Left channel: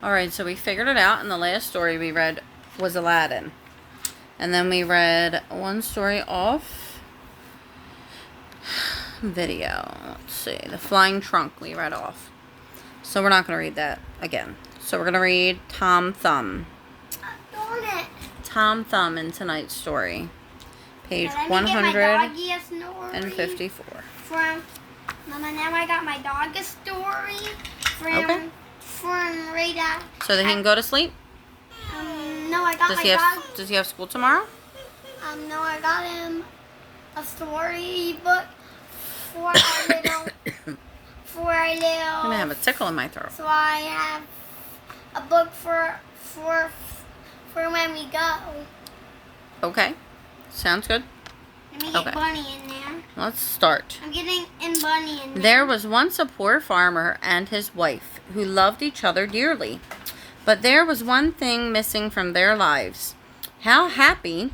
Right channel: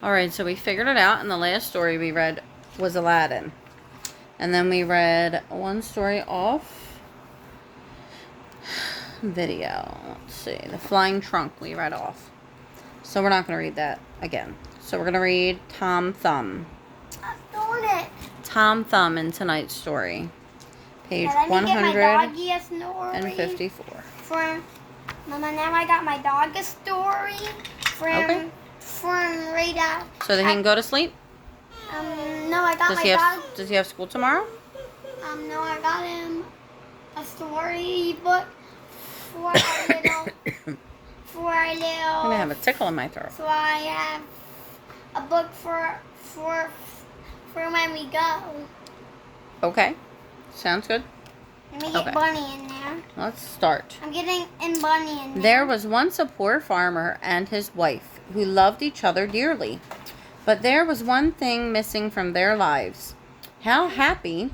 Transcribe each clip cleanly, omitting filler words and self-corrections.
Alright, so we figured it out, and the last story we read was Aladdin. And then we read one story off video. Let's see. The Flying Trunk we read off. So we're not going to read that again. So we're going to read Tom Thumb. Tom Thumb in tonight's story. Page 154. Mama, now I got my dog a story from right out. So they can go to sleep? No, I got my dog. Does he have school tomorrow? No, I got him a story book for our little. I'm gonna have a tickle in my throat. So I have a book for when we go. Okay, sounds good. Let me get Bunny in there. Let's start. I'm getting in Bunny in there. There was once a poor farmer and his wife who loved each other dearly. But there was one thing missing from their lives. How happy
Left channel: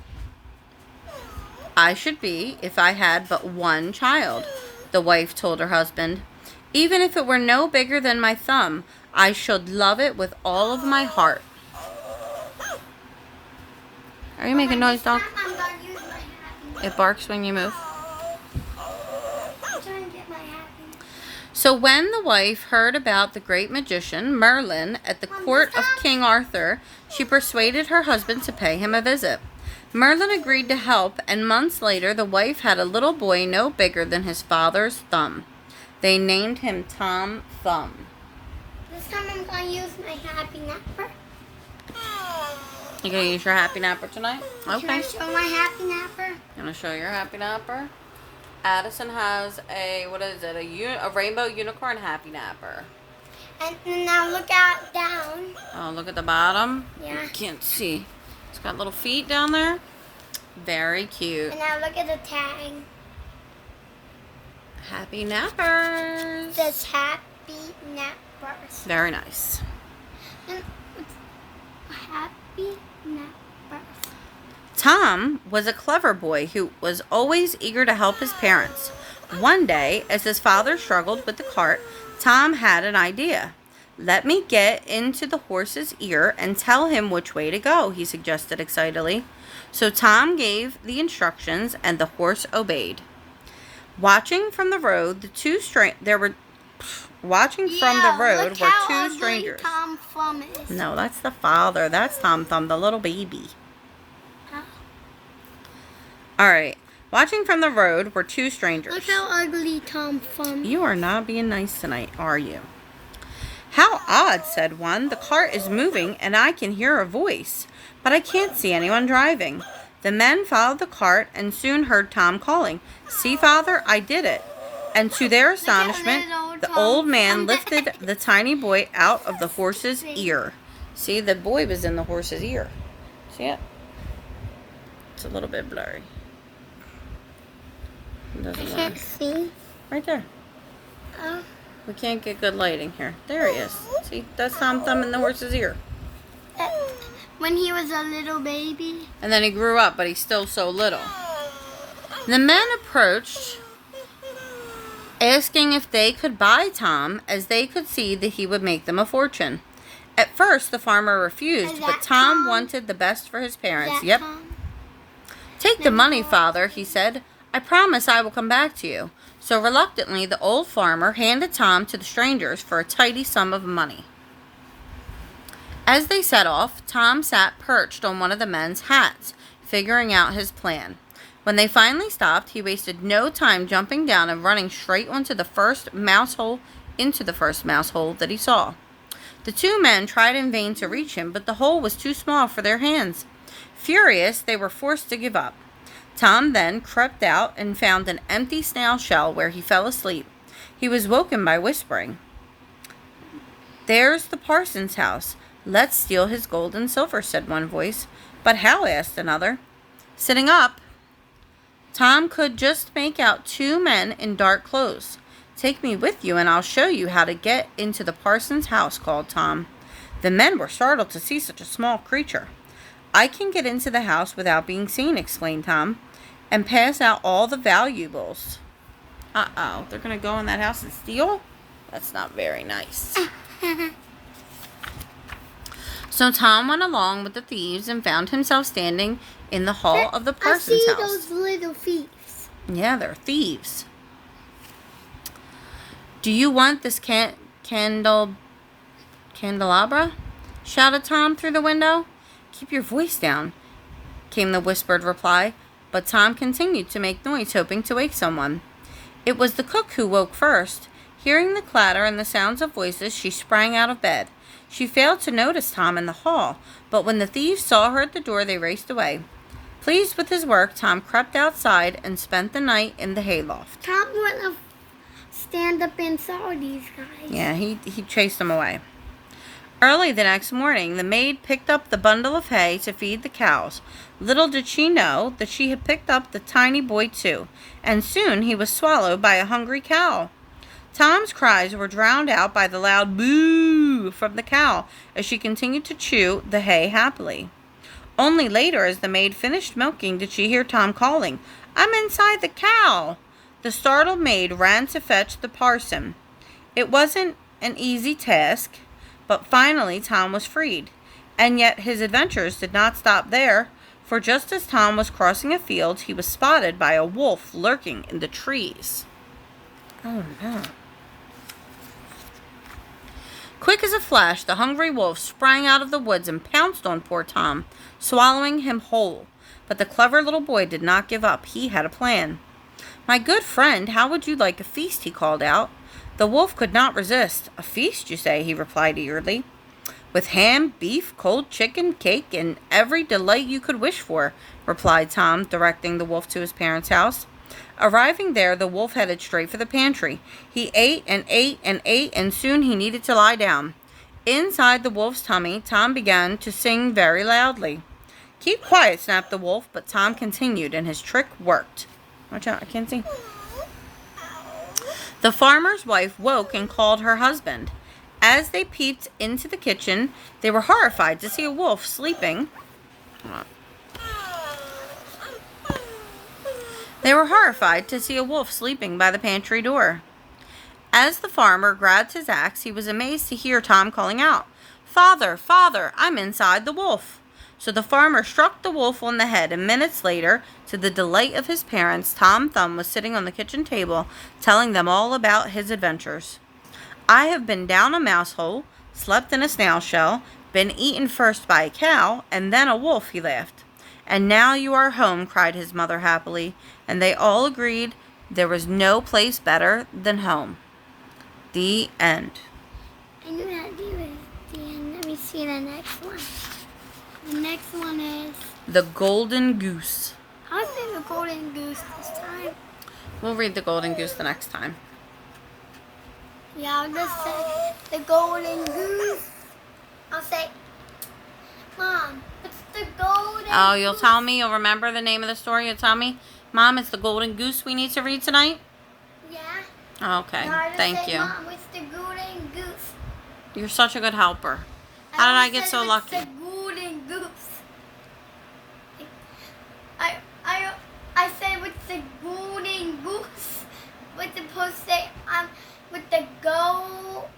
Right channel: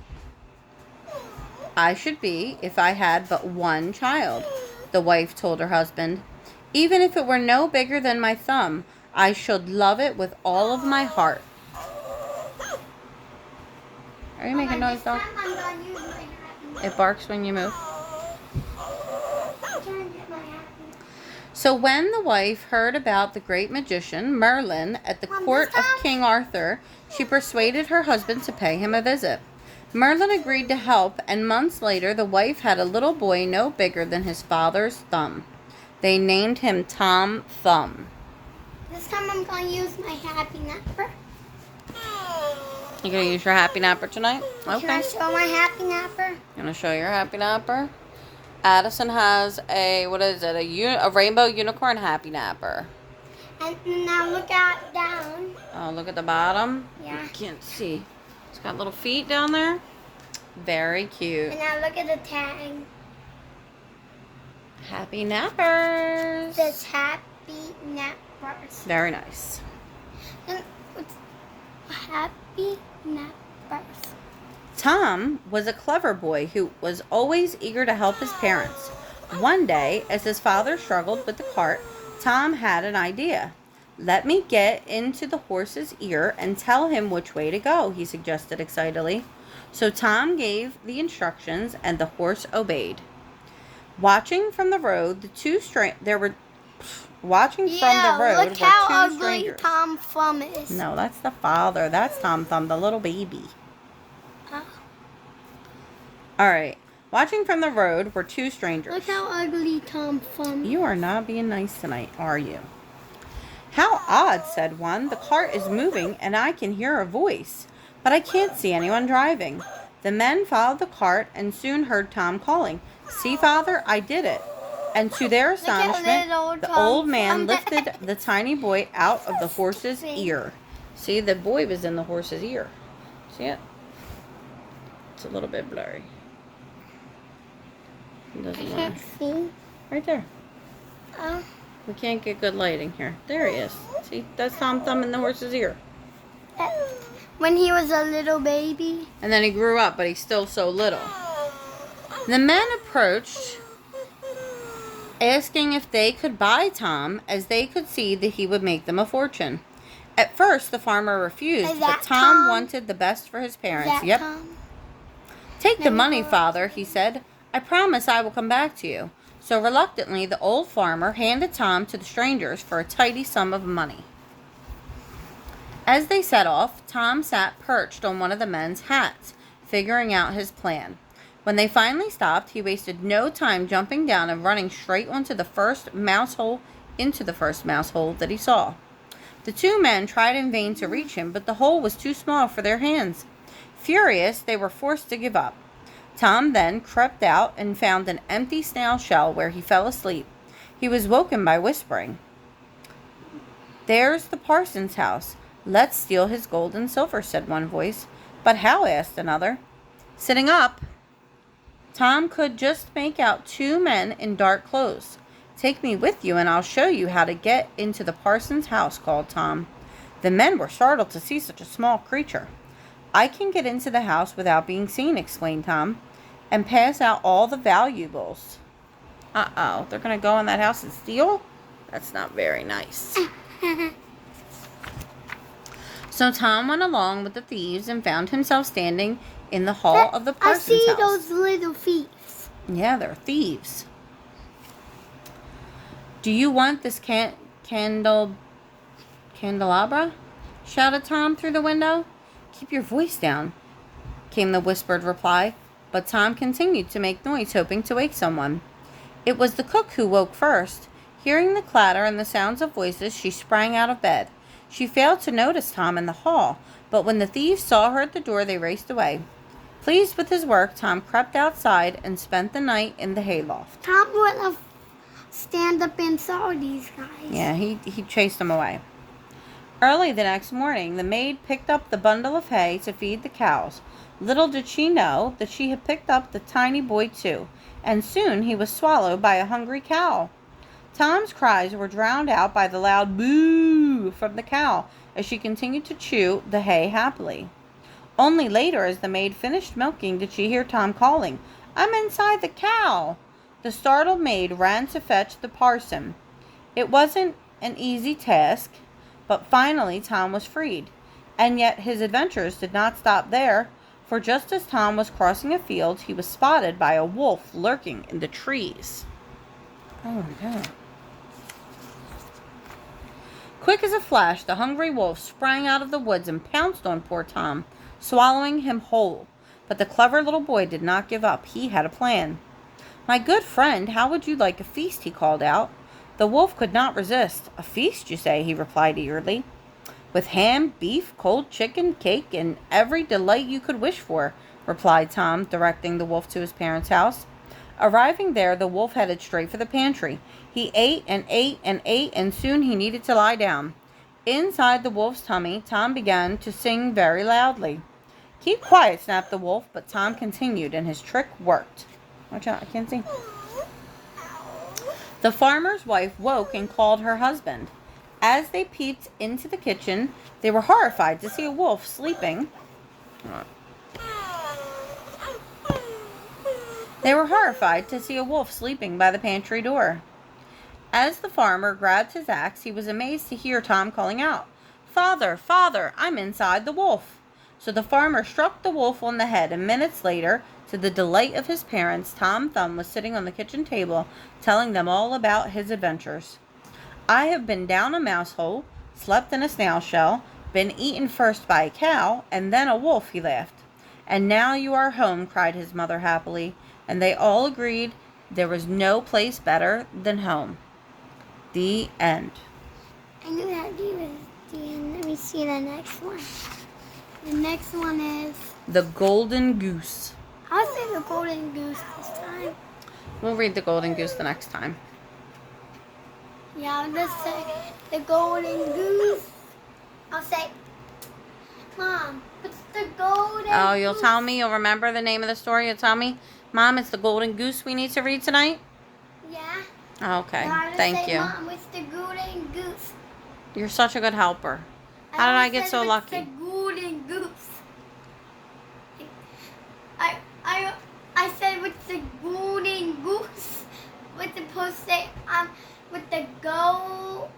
I should be if I had but one child, the wife told her husband. Even if it were no bigger than my thumb, I should love it with all of my heart. Are you making noise, dog? It barks when you move. So when the wife heard about the great magician, Merlin, at the court of King Arthur, she persuaded her husband to pay him a visit. Merlin agreed to help, and months later the wife had a little boy no bigger than his father's thumb. They named him Tom Thumb. This time I'm going to use my happy napper. You're going to use your happy napper tonight? Okay. Can I show my happy napper? You want to show your happy napper? Addison has a, what is it, a rainbow unicorn happy napper. And now look out down. Oh, look at the bottom. Yeah. You can't see. It's got little feet down there. Very cute. And now look at the tag. Happy nappers. It says happy nappers. Very nice. And it's happy nappers. Tom was a clever boy who was always eager to help his parents. One day, as his father struggled with the cart, Tom had an idea. Let me get into the horse's ear and tell him which way to go, he suggested excitedly. So Tom gave the instructions and the horse obeyed. Watching from the road, were two strangers. Tom Thumb is. No, that's the father. That's Tom Thumb, the little baby. Alright, watching from the road were two strangers. Look how ugly Tom Thumb is. You are not being nice tonight, are you? How odd, said one. The cart is moving and I can hear a voice, but I can't see anyone driving. The men followed the cart and soon heard Tom calling, See, Father, I did it. And to their astonishment, the old man lifted the tiny boy out of the horse's ear. See, the boy was in the horse's ear. See it? It's a little bit blurry. I can't see. Right there. Oh. We can't get good lighting here. There he is. See, that's Tom Thumb in the horse's ear. When he was a little baby. And then he grew up, but he's still so little. The men approached, asking if they could buy Tom, as they could see that he would make them a fortune. At first, the farmer refused, but Tom wanted the best for his parents. Yep. Tom? Take the money, Father, he said. I promise I will come back to you. So reluctantly, the old farmer handed Tom to the strangers for a tidy sum of money. As they set off, Tom sat perched on one of the men's hats, figuring out his plan. When they finally stopped, he wasted no time jumping down and running straight into the first mouse hole that he saw. The two men tried in vain to reach him, but the hole was too small for their hands. Furious, they were forced to give up. Tom then crept out and found an empty snail shell where he fell asleep. He was woken by whispering. There's the parson's house. Let's steal his gold and silver, said one voice. But how? Asked another. Sitting up, Tom could just make out two men in dark clothes. Take me with you and I'll show you how to get into the parson's house, called Tom. The men were startled to see such a small creature. I can get into the house without being seen, exclaimed Tom, and pass out all the valuables. Uh-oh, they're going to go in that house and steal? That's not very nice. So Tom went along with the thieves and found himself standing in the hall of the parson's I see house. those little thieves. Yeah, they're thieves. "Do you want this candelabra?" shouted Tom through the window. "Keep your voice down," came the whispered reply, but Tom continued to make noise, hoping to wake someone. It was the cook who woke first. Hearing the clatter and the sounds of voices, she sprang out of bed. She failed to notice Tom in the hall, but when the thieves saw her at the door, they raced away. Pleased with his work, Tom crept outside and spent the night in the hayloft. Tom would have stand up and saw these guys. Yeah, he chased them away. Early the next morning, the maid picked up the bundle of hay to feed the cows. Little did she know that she had picked up the tiny boy too, and soon he was swallowed by a hungry cow. Tom's cries were drowned out by the loud boo from the cow as she continued to chew the hay happily. Only later, as the maid finished milking, did she hear Tom calling, "I'm inside the cow." The startled maid ran to fetch the parson. It wasn't an easy task, but finally Tom was freed. And yet his adventures did not stop there, for just as Tom was crossing a field, he was spotted by a wolf lurking in the trees. Oh no. Quick as a flash, the hungry wolf sprang out of the woods and pounced on poor Tom, swallowing him whole. But the clever little boy did not give up. He had a plan. "My good friend, how would you like a feast?" he called out. The wolf could not resist. "A feast, you say?" he replied eagerly. "With ham, beef, cold chicken, cake, and every delight you could wish for," replied Tom, directing the wolf to his parents' house. Arriving there, the wolf headed straight for the pantry. He ate and ate and ate, and soon he needed to lie down. Inside the wolf's tummy, Tom began to sing very loudly. "Keep quiet," snapped the wolf, but Tom continued, and his trick worked. Watch out, I can't see. The farmer's wife woke and called her husband. As they peeped into the kitchen, they were horrified to see a wolf sleeping. By the pantry door. As the farmer grabbed his axe, he was amazed to hear Tom calling out, "Father, Father, I'm inside the wolf." So the farmer struck the wolf on the head, and minutes later, to the delight of his parents, Tom Thumb was sitting on the kitchen table, telling them all about his adventures. "I have been down a mouse hole, slept in a snail shell, been eaten first by a cow, and then a wolf," he laughed. "And now you are home," cried his mother happily, and they all agreed there was no place better than home. The end. I knew that you was the end. Let me see the next one. The next one is The Golden Goose. I'll say the golden goose this time. We'll read the Golden Goose the next time. Yeah, I'll just say the golden goose. I'll say, Mom, what's the golden Oh, you'll goose? tell me? You'll remember the name of the story? You'll tell me? Mom, it's the Golden Goose we need to read tonight? Yeah. Okay, No, I'll just thank say, you. Mom, what's the golden goose? You're such a good helper. How did I get so lucky? The golden goose. I said what's the golden goose? What's supposed to say? With the golden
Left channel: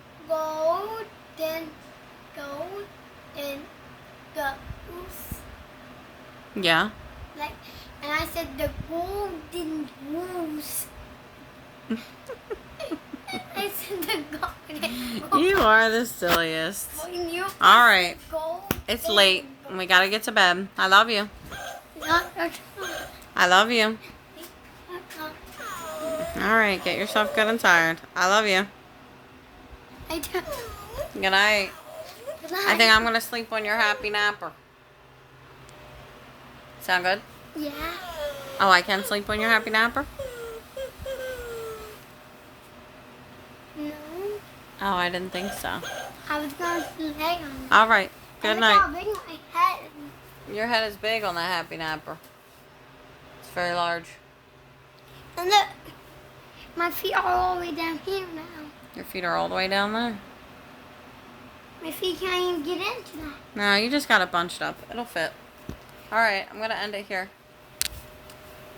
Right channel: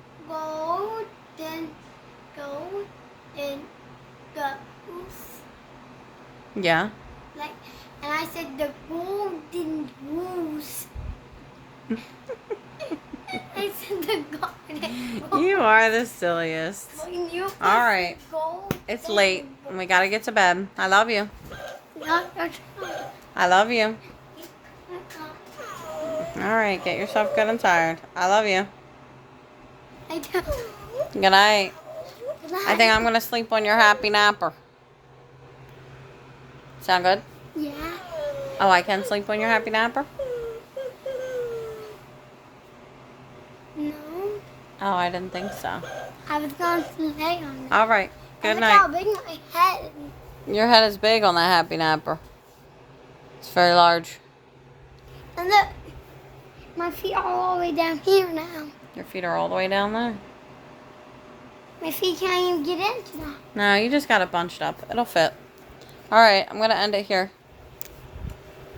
goose. Yeah. Like, and I said the golden goose. I said the golden goose. You are the silliest. When you All right. said golden It's late. And we gotta get to bed. I love you. I love you. All right, get yourself good and tired. I love you. I do. Good night. I think I'm gonna sleep on your happy napper. Sound good? Yeah. Oh, I can sleep on your happy napper? No. Oh, I didn't think so. I was going to lay on it. All right. Good Look night. how big my head is. Your head is big on that happy napper. It's very large. And look, my feet are all the way down here now. Your feet are all the way down there. My feet can't even get into that. No, you just got it bunched up. It'll fit. All right, I'm going to end it here.